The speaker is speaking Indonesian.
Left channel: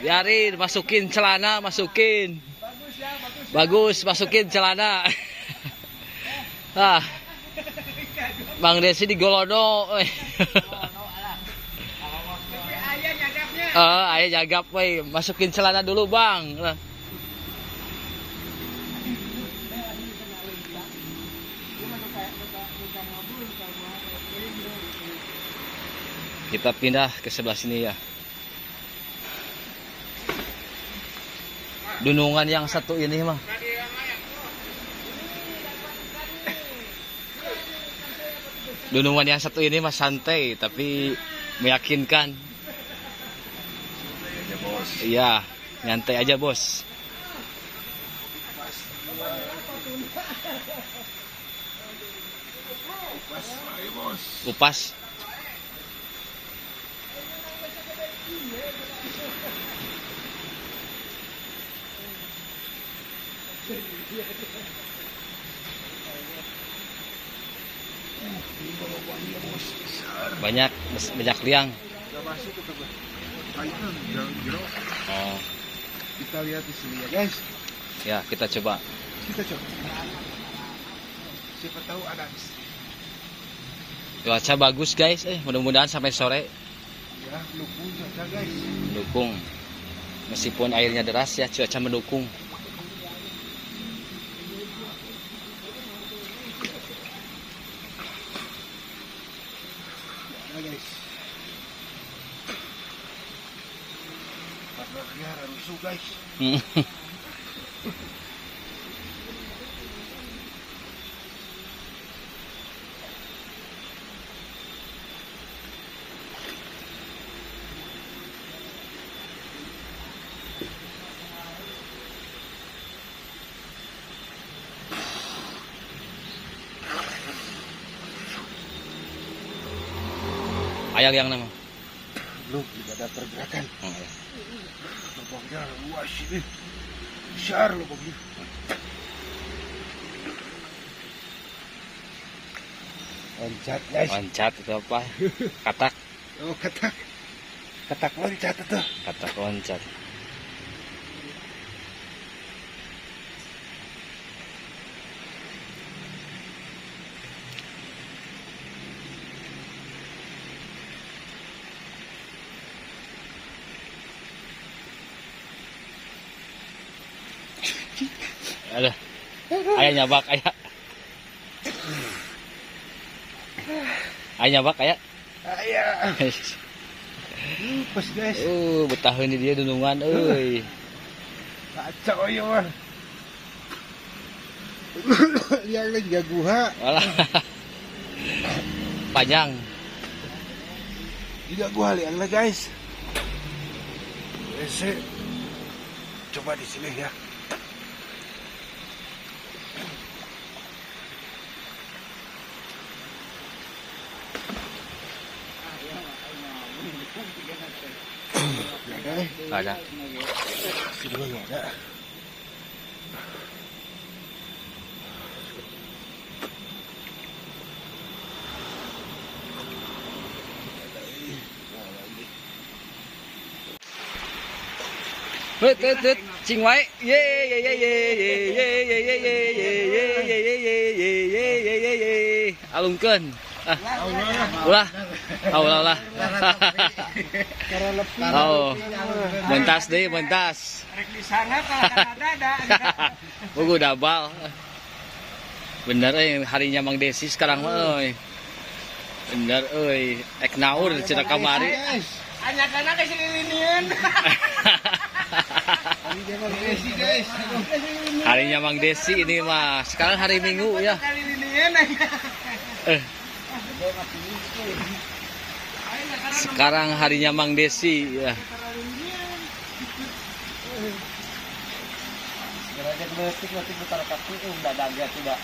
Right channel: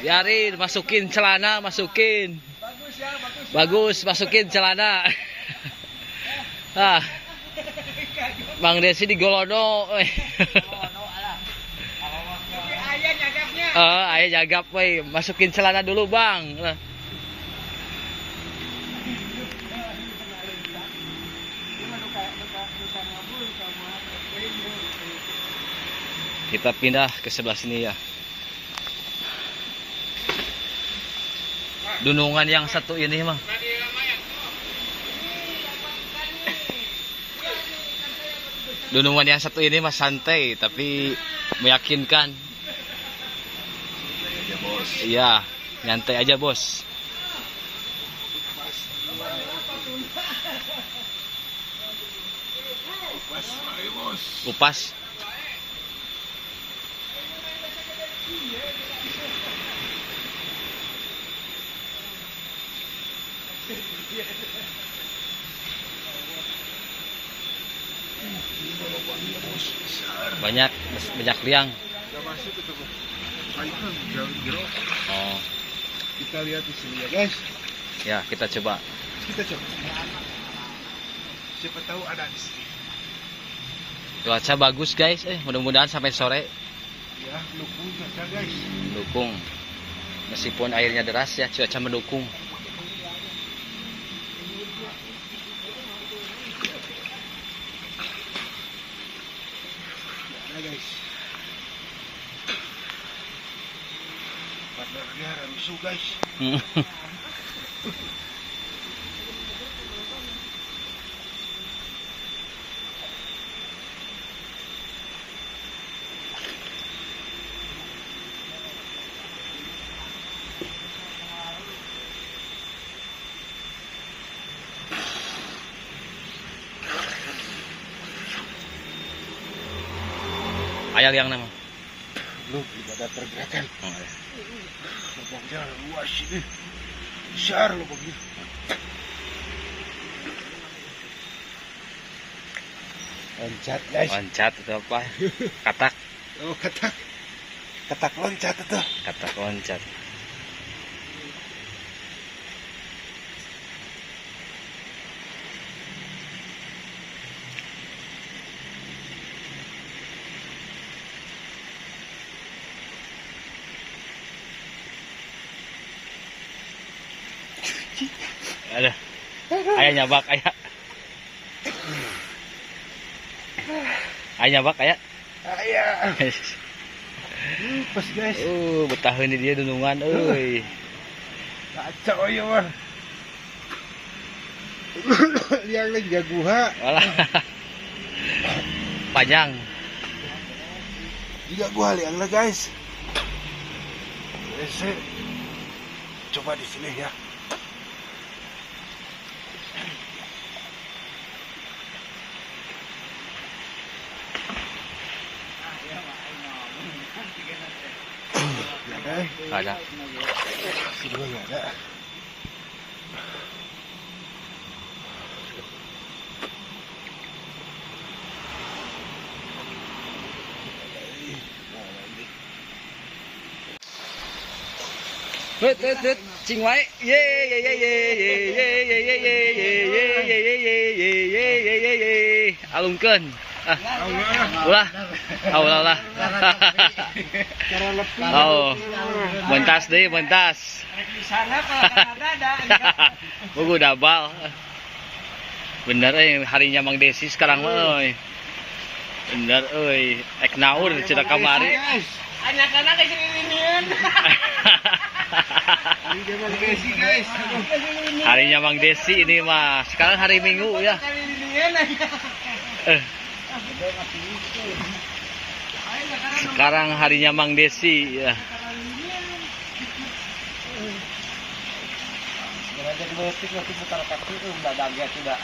Biarin, masukin celana, masukin. Bagus, masukin celana. Ah. Bang Desi di Golodo. Ayah jagap, weh. Masukin celana dulu, Bang. Kita pindah ke sebelah sini ya. Dunungan yang satu ini mah. Dunungan yang satu ini mah santai tapi meyakinkan. Iya, nyantai aja, Bos. Upas. Banyak liang. Nggak masuk itu, Pak. Oh. Kita lihat di sini ya, guys. Ya, kita coba. Siapa tahu ada di sini. Cuaca bagus, guys. Mudah-mudahan sampai sore. Ya, dukung cuaca, guys. Mendukung. Meskipun airnya deras ya, cuaca mendukung. Nah, guys. Partnernya rusuh, guys. Ayah liang nama. Belum, tidak ada pergerakan. Oh, ya. Lubangnya luas ini. Besar lubangnya. Loncat, guys. Loncat itu apa? Katak. Oh, katak. Katak loncat itu. Katak loncat. Ada. Ayah nyabak, ayah. Ayah nyabak, ayah. Ayah. Pas, guys. Betah ini dia dunungan, euy. Kacau ya, mah. Liang lagi jaguha. Walah. Panjang. Juga gua liang lah, guys. Ese. Coba di sini ya. Ada. Kedua nggak ada. Hut, cing wae. Ye ye ye ye ye ye ye ye ye ye ye ye ye ye ye ye ye. Alungkeun. Ulah. Ulah. Oh. Bentas deui, bentas. Buku dabal. Bener harinya Mang Desi sekarang mah euy. Bener euy, ek naur cenah kamari. Anak-anak ke sini. Harinya Mang Desi ini mah. Sekarang hari Minggu ya. Sekarang harinya Mang Desi ya. Gerajak betik waktu putar kaki udah dagat sudah.